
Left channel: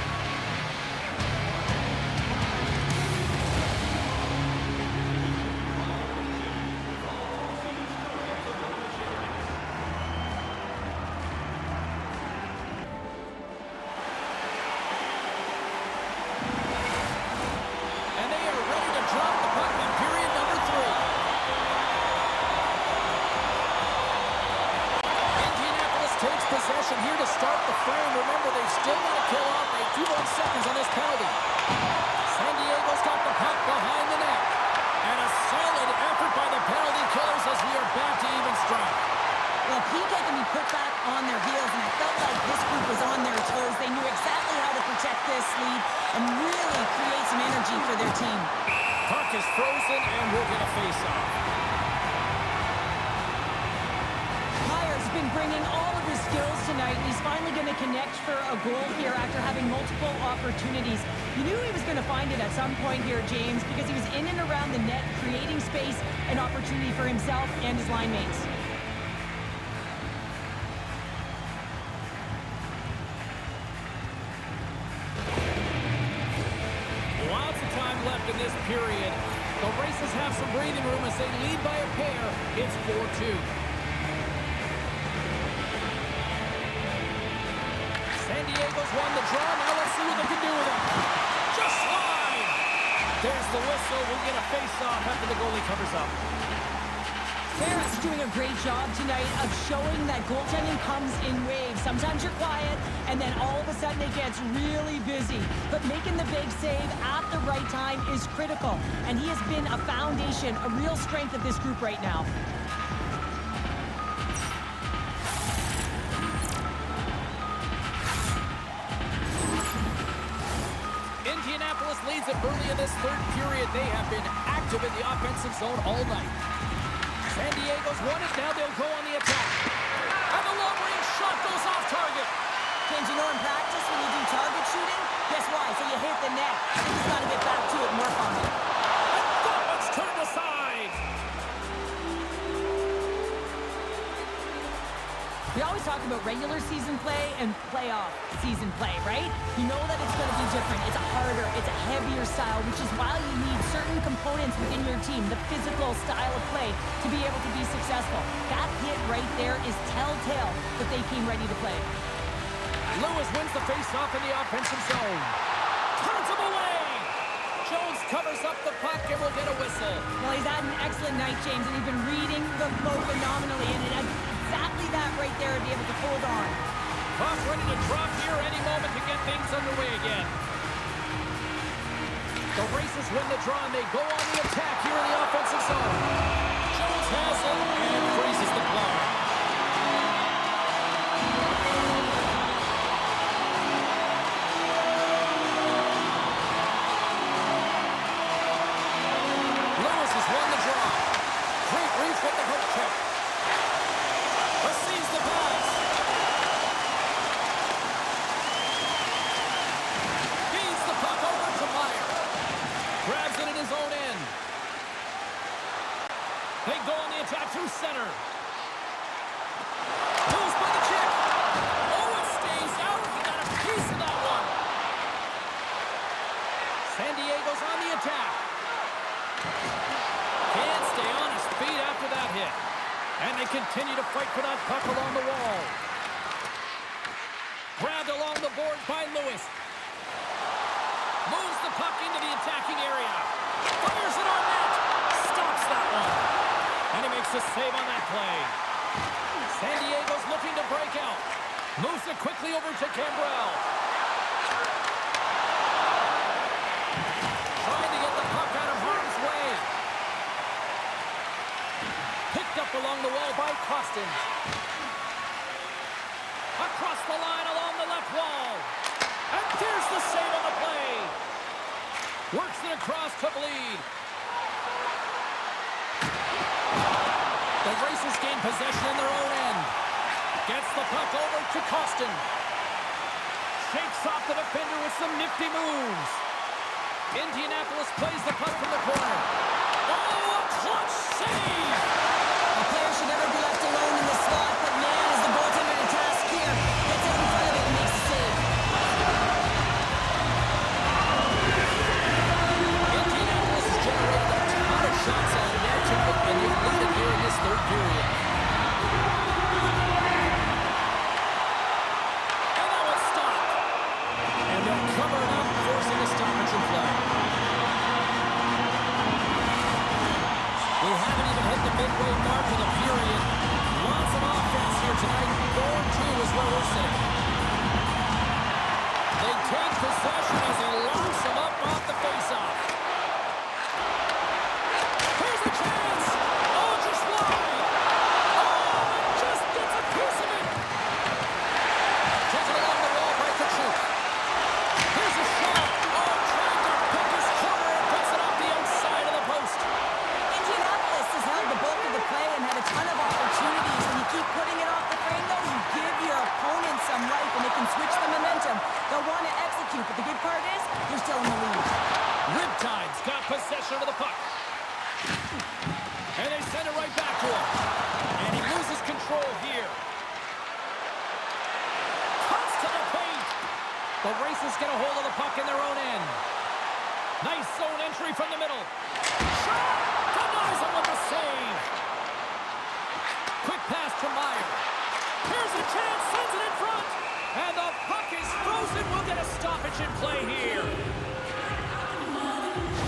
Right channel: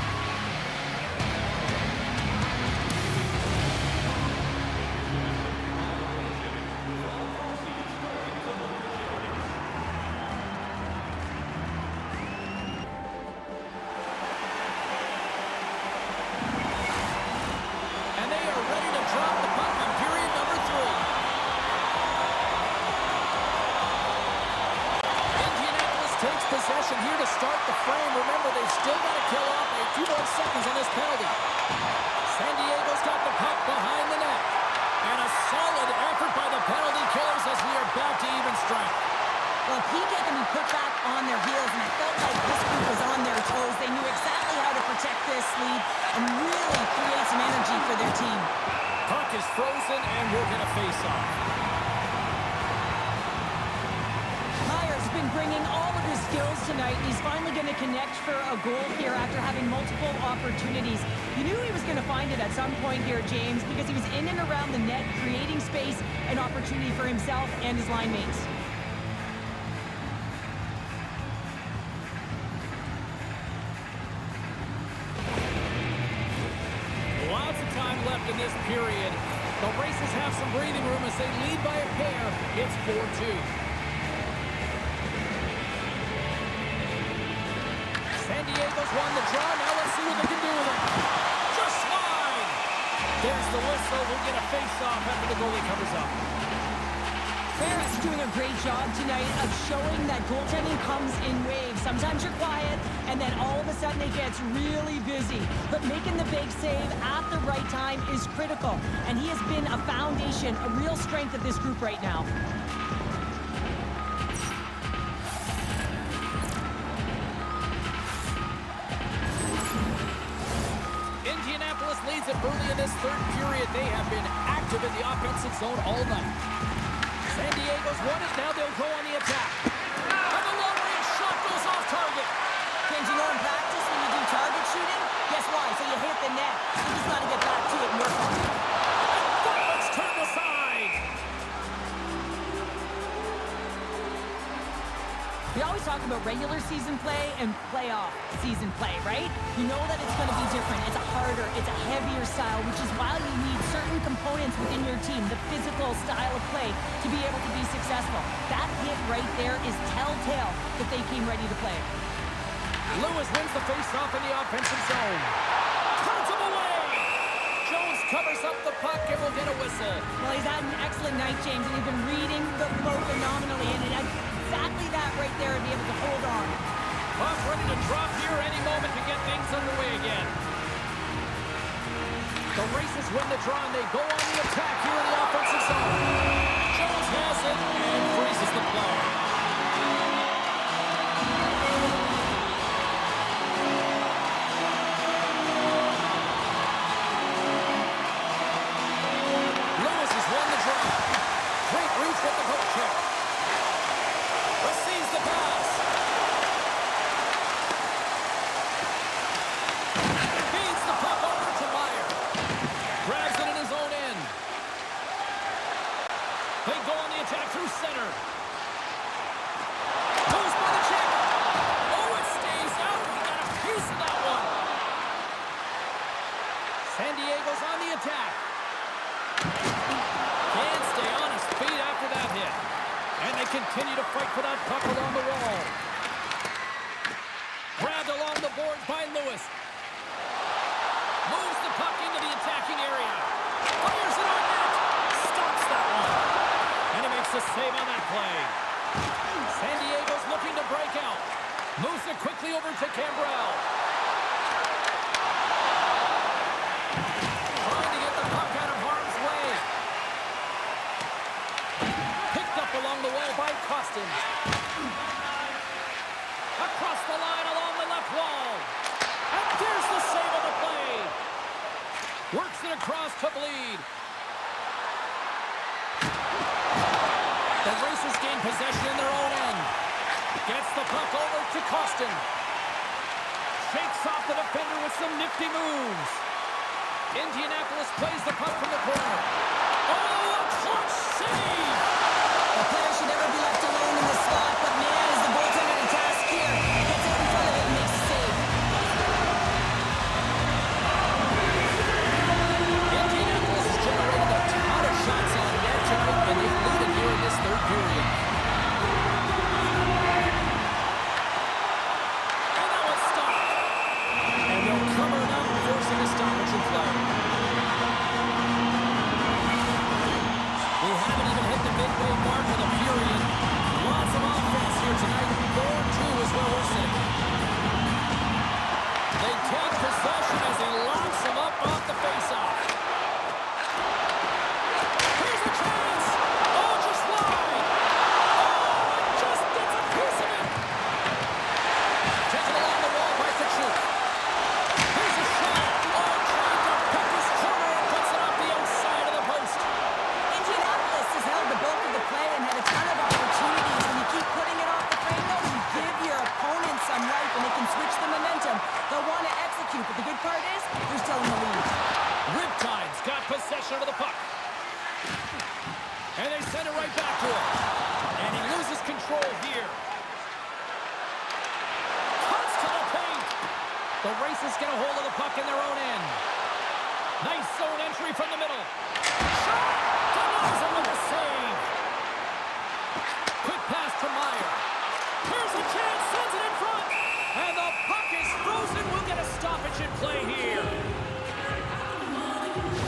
Drop the puck in period number 3. Indianapolis takes possession here to start the frame. Remember, they've still got to kill off a few more seconds on this penalty. San Diego's got the puck behind the net. And a solid effort by the penalty killers as we are back to even strength. Well, PK can be put back on their heels, and I felt like this group was on their toes. They knew exactly how to protect this lead and really create some energy for their team. Puck is frozen, and we'll get a face-off. Meier's been bringing all of his skills tonight, and he's finally going to connect for a goal here after having multiple opportunities. You knew he was going to find it at some point here, James, because he was in and around the net, creating space and opportunity for himself and his line mates. Lots of time left in this period. The Racers have some breathing room as they lead by a pair. It's 4-2. San Diego's won the draw. Now let's see what they can do with it. Just slide. There's the whistle. We'll get a face-off after the goalie covers up. Barris doing a great job tonight of showing that goaltending comes in waves. Sometimes you're quiet, and then all of a sudden it gets really busy. But making the big save at the right time is critical, and he has been a foundation, a real strength of this group right now. Indianapolis leads it early in this third period. They have been active in the offensive zone all night. San Diego's won it. Now they'll go on the attack. And the long-range shot goes off target. James, you know in practice when you do target shooting, guess what? at the net. They just got to get back to it and work on it. And that one's turned aside. We always talk about regular season play and playoff season play, right? You know that it's going to be different. It's a harder, it's a heavier style, which is why you need certain components within your team, the physical style of play, to be able to be successful. That hit right there is telltale that they came ready to play. Lewis wins the face-off in the offensive zone. Turns him away. Jones covers up the puck and will get a whistle. Well, he's had an excellent night, James, and he's been reading the flow phenomenally, and it had exactly that right there to be able to hold on. Puck ready to drop here any moment to get things underway again. The Racers win the draw and they go on the attack here in the offensive zone. Jones has it and freezes the play. Lewis has won the draw. Great reach with the hook check. Receives the pass. Feeds the puck over to Maier. Grabs it in his own end. They go on the attack through center. Moves by the check. Oh, it stays out. He got a piece of that one. San Diego's on the attack. Can't stay on his feet after that hit. And they continue to fight for that puck along the wall. Grabbed along the boards by Lewis. Moves the puck into the attacking area. Fires it on net. Stops that one. And he makes the save on that play. San Diego's looking to break out. Moves it quickly over to Cambrell. Trying to get the puck out of harm's way. Up along the wall by Koston. Across the line along the left wall. And there's the save on the play. Works it across to bleed. The Racers gain possession in their own end. Gets the puck over to Koston. Shakes off the defender with some nifty moves. Indianapolis plays the puck from the corner. Oh, a clutch save! A player should never be left alone in the slot, but man, is the goaltender to task here. Gets out in front of it and makes the save. Indianapolis has generated a ton of shots on net tonight, and they lead it here in this third period. And that one's stopped. And they'll cover it up, forcing a stoppage in play. We haven't even hit the midway mark of the period. Lots of offense here tonight. 4-2 is where we're sitting. They take possession as he locks him up off the faceoff. Here's a chance. Oh, just wide. Oh, and just gets a piece of it. Taken along the wall by Katchouk. Here's a shot. Oh, trying to pick his corner and puts it off the outside of the post. Indianapolis has held the bulk of the play and had a ton of opportunities. When you keep putting it off the frame, though, you give your opponent some life, and they can switch the momentum. They'll want to execute, but the good part is they're still in the lead. Riptide's got possession of the puck. And they send it right back to him. And he loses control here. Cuts to the paint. The Racers get a hold of the puck in their own end. Nice zone entry from the middle. Shot! Denies him with a save. Quick pass to Meyer. Here's a chance, sends it in front. And the puck is frozen. We'll get a stoppage in play here.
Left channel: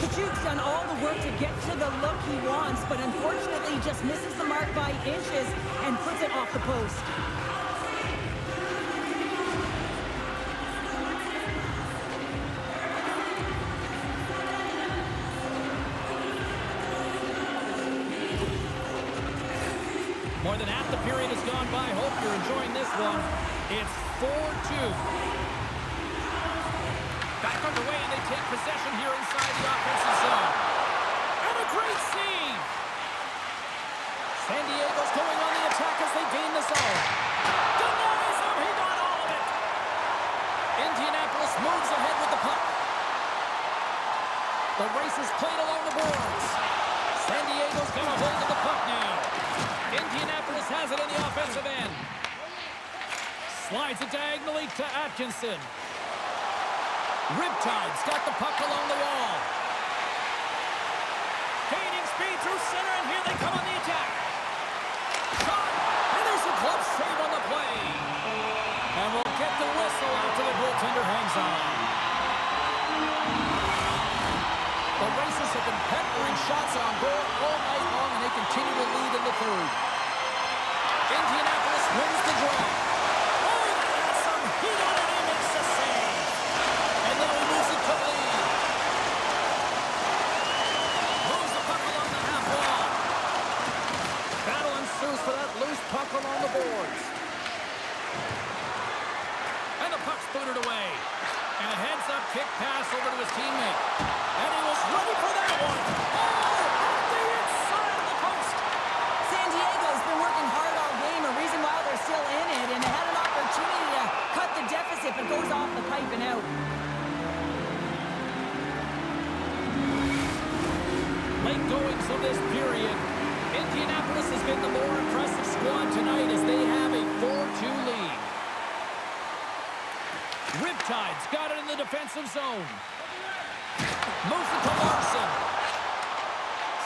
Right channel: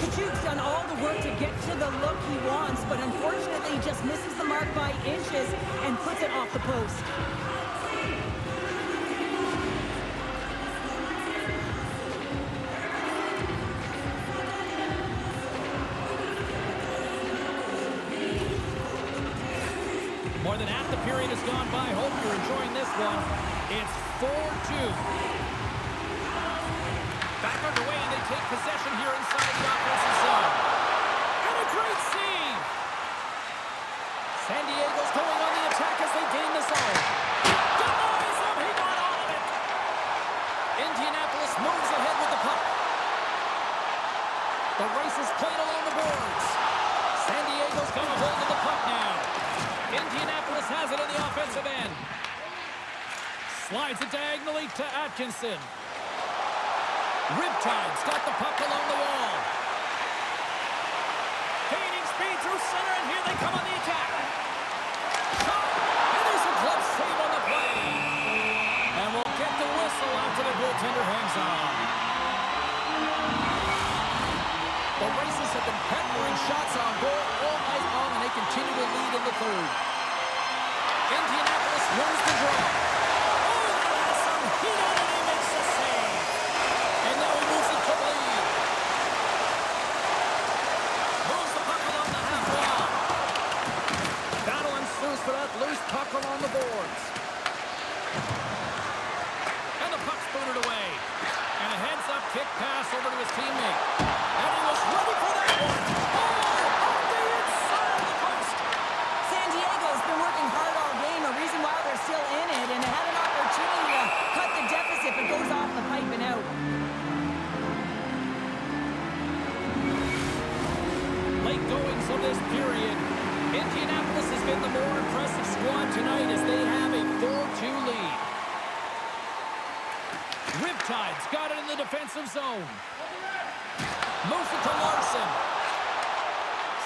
Katchouk's done all the work to get to the look he wants, but unfortunately he just misses the mark by inches and puts it off the post. More than half the period has gone by. Hope you're enjoying this one. It's 4-2. Back underway, and they take possession here inside the offensive zone. And a great save. San Diego's going on the attack as they gain the zone. Denies him. He got all of it. Indianapolis moves ahead with the puck. The Racers played along the boards. San Diego's got a hold of the puck now. Indianapolis has it in the offensive end. Slides it diagonally to Atkinson. Riptide's got the puck along the wall. Gaining speed through center, and here they come on the attack. Shot! And there's a glove save on the play. And we'll get the whistle after the goaltender hangs on. The Racers have been peppering shots on goal all night long, and they continue to lead in the third. Indianapolis wins the draw. Oh, that has some heat on it. He makes the save. And now he moves it to the lead. Moves the puck along the half wall. Battle ensues for that loose puck along the boards. And the puck's booted away. And a heads-up kick pass over to his teammate. And he was ready for that one. Oh, off the inside of the post. San Diego's been working hard all game, a reason why they're still in it, and they had an opportunity to cut the deficit, but goes off the pipe and out. Late goings of this period. Indianapolis has been the more impressive squad tonight as they have a 4-2 lead. Riptide's got it in the defensive zone. Moves it to Larson.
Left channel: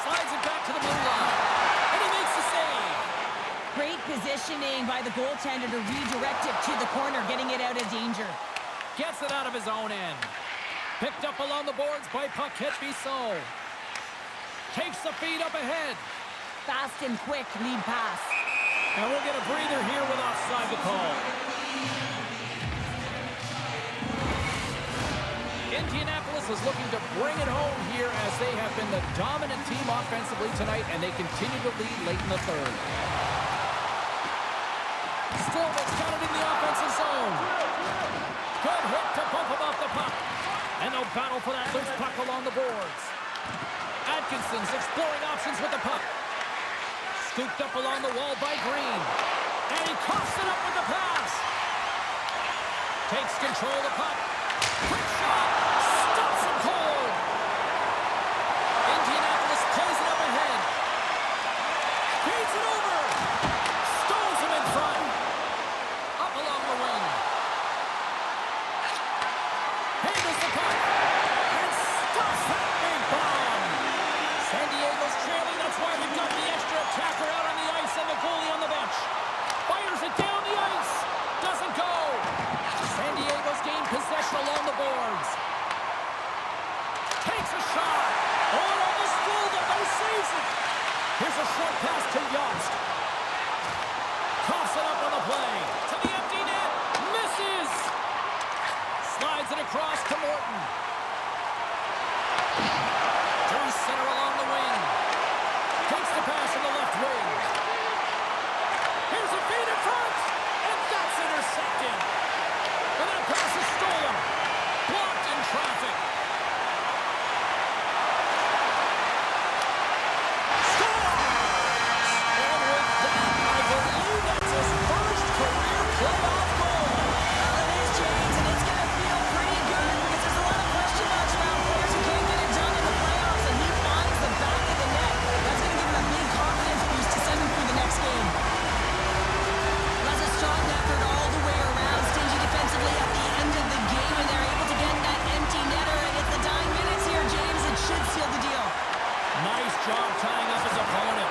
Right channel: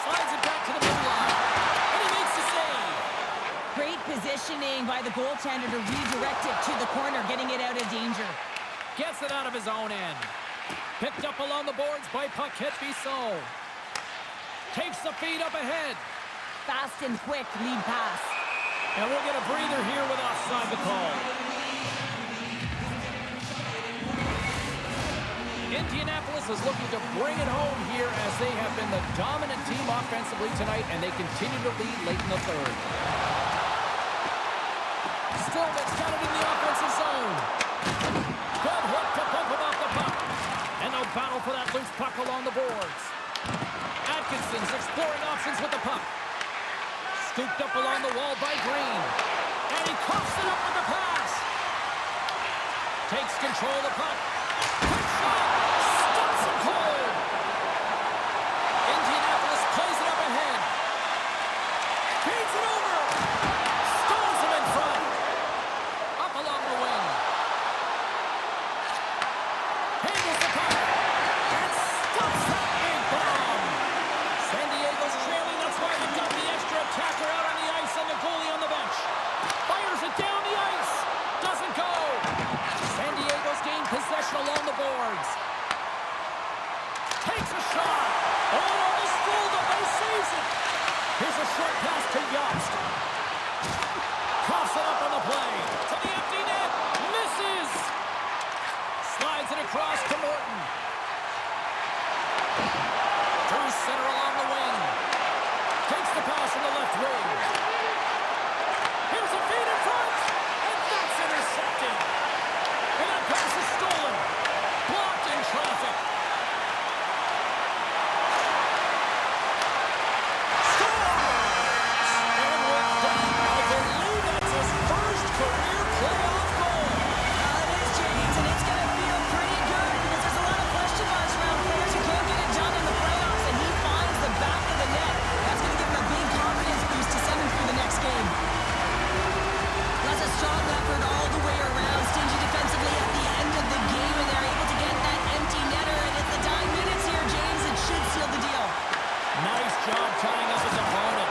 Slides it back to the blue line. And he makes the save. Great positioning by the goaltender to redirect it to the corner, getting it out of danger. Gets it out of his own end. Picked up along the boards by Paquette Bisson. Takes the feed up ahead. Fast and quick lead pass. And we'll get a breather here with offside the call. Indianapolis is looking to bring it home here as they have been the dominant team offensively tonight, and they continue to lead late in the third. Stillman's got it in the offensive zone. Good hit to bump him off the puck. And they'll battle for that loose puck along the boards. Atkinson's exploring options with the puck. Scooped up along the wall by Green. And he coughs it up with the pass. Takes control of the puck. Quick shot! Stops him cold! Indianapolis plays it up ahead. Feeds it over! Stones him in front. Up along the wing. Handles the puck. And stops that big bomb! San Diego's trailing, that's why they've got the extra attacker out on the ice and the goalie on the bench. Fires it down the ice. Doesn't go. San Diego's gained possession along the boards. Takes a shot. Oh, it almost fooled him, but he saves it. Here's a short pass to Jobst. Coughs it up on the play. To the empty net. Misses. Slides it across to Morton. Through center along the wing. Takes the pass in the left wing. Here's a feed in front. And that's intercepted. And that pass is stolen. Blocked in traffic. Scores! And with that, I believe that's his first career playoff goal. Well, it is, James, and it's going to feel pretty good because there's a lot of question marks around players who can't get it done in the playoffs, and he finds the back of the net. That's going to give him a big confidence boost to send him through the next game. That's a strong effort all the way around. Stingy defensively at the end of the game, and they're able to get that empty netter. And it's the dying minutes here, James. It should seal the deal. Nice job tying up his opponent.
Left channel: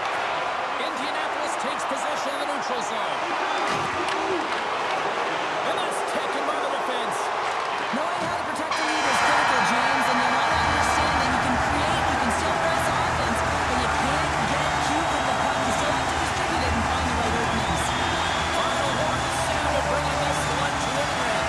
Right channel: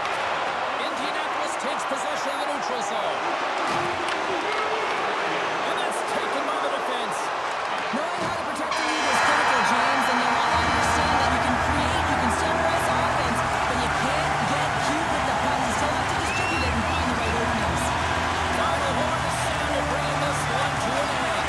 Indianapolis takes possession of the neutral zone. And that's taken by the defense. Knowing how to protect the lead is critical, James, and you want to understand that you can create, you can still press offense, but you can't get cute with the puck. You still have to distribute it and find the right openings. Final horn is sounded, bringing this one to an end.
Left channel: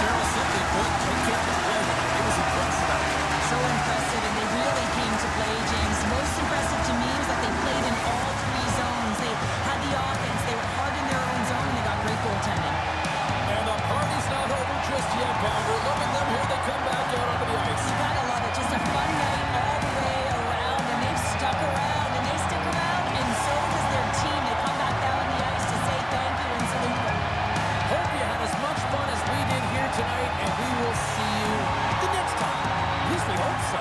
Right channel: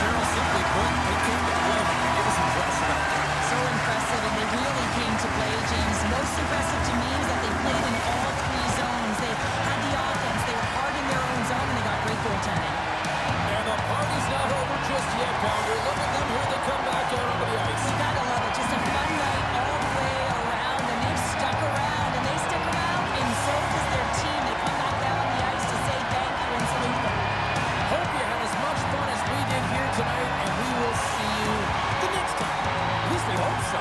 Cheryl, simply put, they came to play tonight. It was impressive out there. So impressive, and they really came to play, James. Most impressive to me is that they played in all three zones. They had the offense, they were hard in their own zone, and they got great goaltending. And the party's not over just yet, Pounder. Look at them here. They come back out onto the ice. You gotta love it. Just a fun night all the way around, and they've stuck around, and they stick around, and so does their team. They come back down on the ice to say thank you and salute them. Hope you had as much fun as we did here tonight, and we will see you the next time. At least we hope so. so.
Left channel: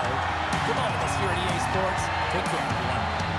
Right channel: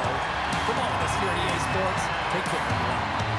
From all of us here at EA Sports, take care, everyone.